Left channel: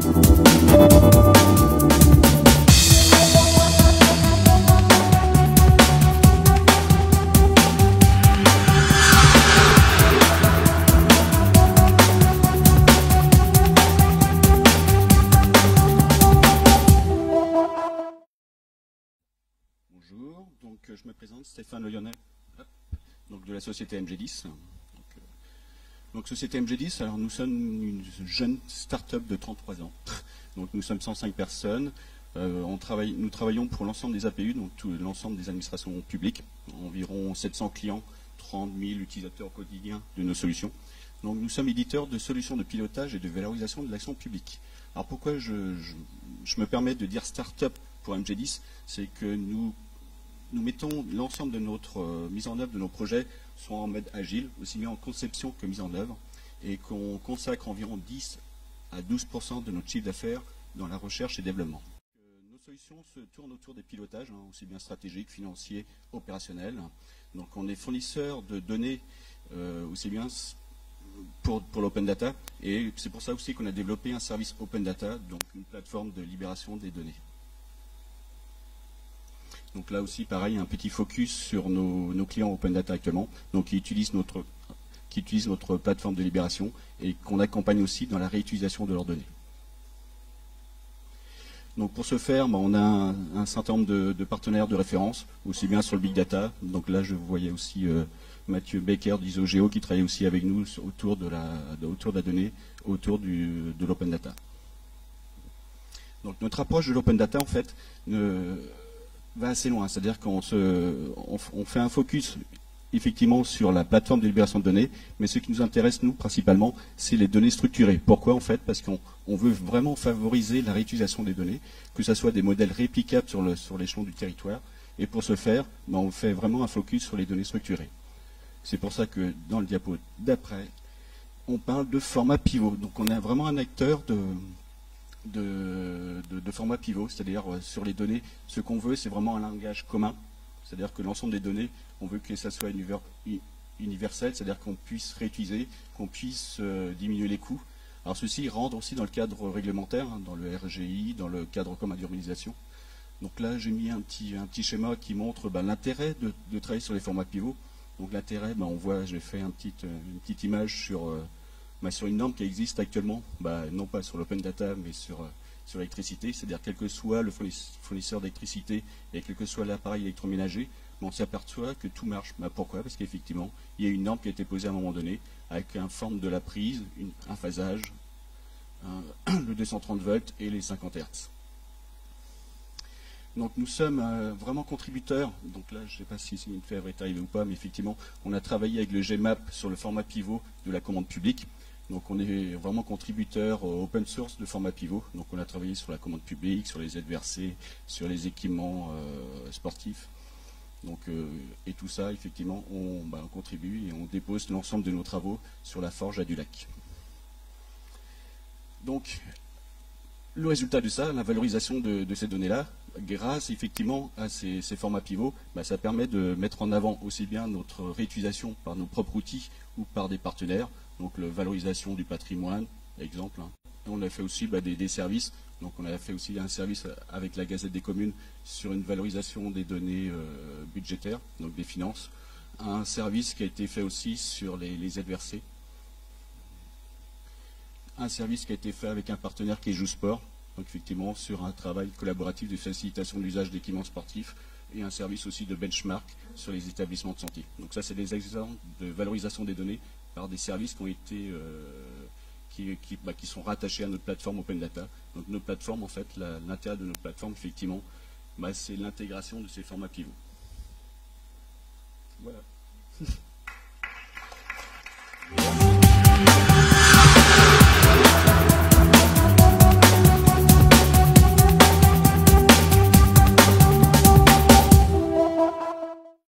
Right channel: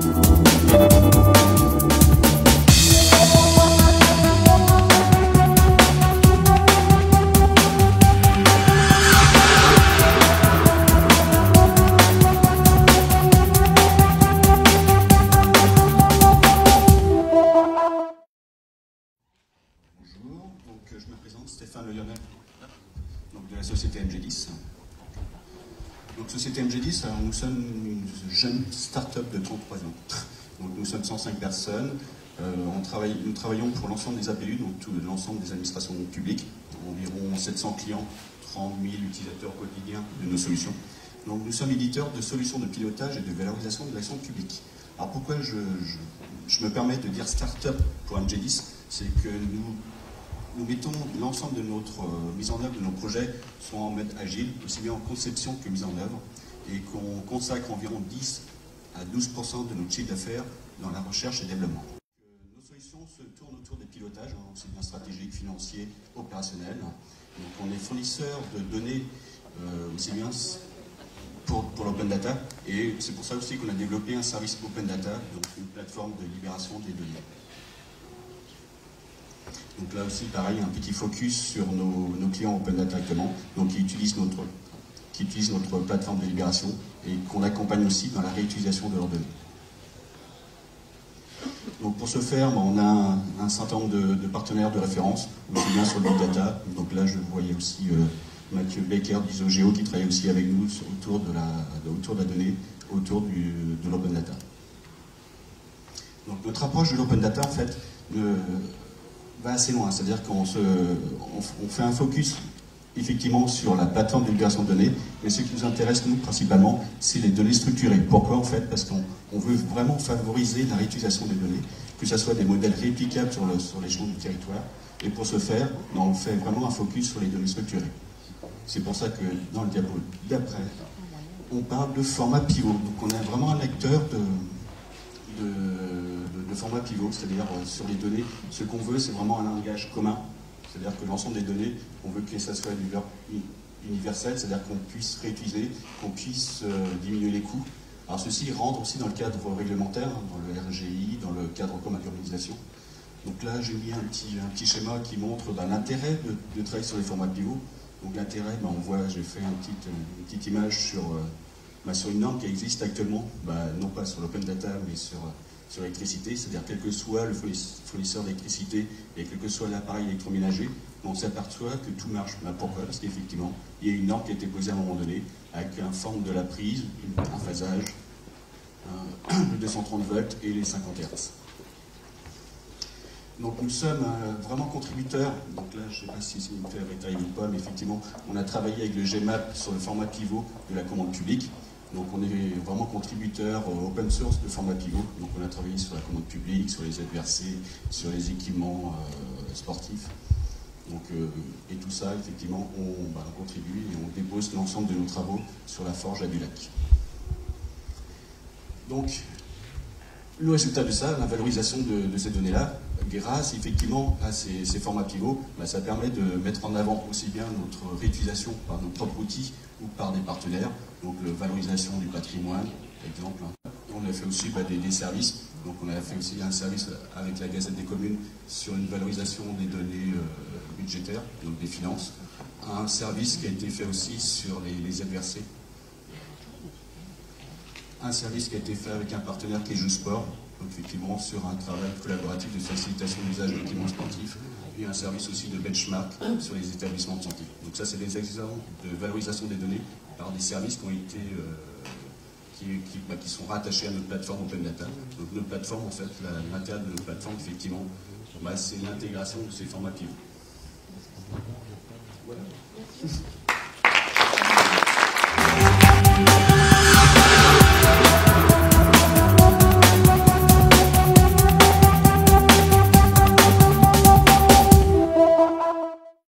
Je me présente, Stéphane Le Gonnet, donc de la société MG10. Donc société MG10, alors nous sommes une jeune start-up de 33 ans. Donc nous sommes 105 personnes. Nous travaillons pour l'ensemble des APU, donc tout l'ensemble des administrations publiques, environ 700 clients, 30 000 utilisateurs quotidiens de nos solutions. Donc nous sommes éditeurs de solutions de pilotage et de valorisation de l'action publique. Alors pourquoi je me permets de dire start-up pour MG10, c'est que nous mettons l'ensemble de notre mise en œuvre de nos projets sont en mode agile, aussi bien en conception que mise en œuvre, et qu'on consacre environ 10 à 12% de notre chiffre d'affaires dans la recherche et développement. Nos solutions se tournent autour des pilotages, aussi bien stratégiques, financiers, opérationnels. Donc on est fournisseur de données aussi bien pour l'open data, et c'est pour ça aussi qu'on a développé un service open data, donc une plateforme de libération des données. Donc là aussi, pareil, un petit focus sur nos clients Open Data directement, donc qui utilisent notre plateforme de libération et qu'on accompagne aussi dans la réutilisation de leurs données. Donc pour ce faire, on a un certain nombre de partenaires de référence, aussi bien sur le Big Data. Donc là, je voyais aussi Mathieu Baker d'Isogeo qui travaille aussi avec nous autour de la donnée, autour de l'Open Data. Donc notre approche de l'Open Data, en fait, va assez loin, c'est-à-dire qu'on fait un focus effectivement sur la plateforme de libération de données, mais ce qui nous intéresse nous principalement, c'est les données structurées. Pourquoi en fait? Parce qu'on veut vraiment favoriser la réutilisation des données, que ce soit des modèles réplicables sur l'échelon du territoire, et pour ce faire, on fait vraiment un focus sur les données structurées. C'est pour ça que dans le diapo d'après, on parle de format pivot. Donc on est vraiment un acteur de format pivot, c'est-à-dire sur les données, ce qu'on veut, c'est vraiment un langage commun, c'est-à-dire que l'ensemble des données, on veut que ça soit universel, c'est-à-dire qu'on puisse réutiliser, qu'on puisse diminuer les coûts. Alors ceci rentre aussi dans le cadre réglementaire, dans le RGI, dans le cadre commun d'urbanisation. Donc là, j'ai mis un petit schéma qui montre l'intérêt de travailler sur les formats pivots. Donc l'intérêt, on voit, j'ai fait une petite image sur une norme qui existe actuellement, non pas sur l'open data, mais sur l'électricité, c'est-à-dire quel que soit le fournisseur d'électricité et quel que soit l'appareil électroménager, on s'aperçoit que tout marche. Pourquoi? Parce qu'effectivement, il y a une norme qui a été posée à un moment donné, avec un forme de la prise, un phasage, le 230 volts et les 50 Hz. Donc nous sommes vraiment contributeurs, donc là je ne sais pas si c'est une faire détail ou pas, mais effectivement on a travaillé avec le GMAP sur le format pivot de la commande publique. Donc on est vraiment contributeur au open source de format pivot. Donc on a travaillé sur la commande publique, sur les ZVRC, sur les équipements sportifs. Donc, et tout ça, effectivement, on contribue et on dépose l'ensemble de nos travaux sur la forge à du lac. Donc, le résultat de ça, la valorisation de ces données-là, grâce effectivement à ces formats pivots, ça permet de mettre en avant aussi bien notre réutilisation par nos propres outils ou par des partenaires, donc la valorisation du patrimoine, exemple. On a fait aussi des services, donc on a fait aussi un service avec la Gazette des communes sur une valorisation des données budgétaires, donc des finances. Un service qui a été fait aussi sur les ZVRC. Un service qui a été fait avec un partenaire qui est Jusport, donc effectivement sur un travail collaboratif de facilitation d'usage d'équipements sportifs, et un service aussi de benchmark sur les établissements de santé. Donc ça, c'est des exemples de valorisation des données par des services qui ont été qui sont rattachés à notre plateforme Open Data. Donc notre plateforme, en fait, l'intérêt de notre plateforme, effectivement, c'est l'intégration de ces formats pivots. Voilà.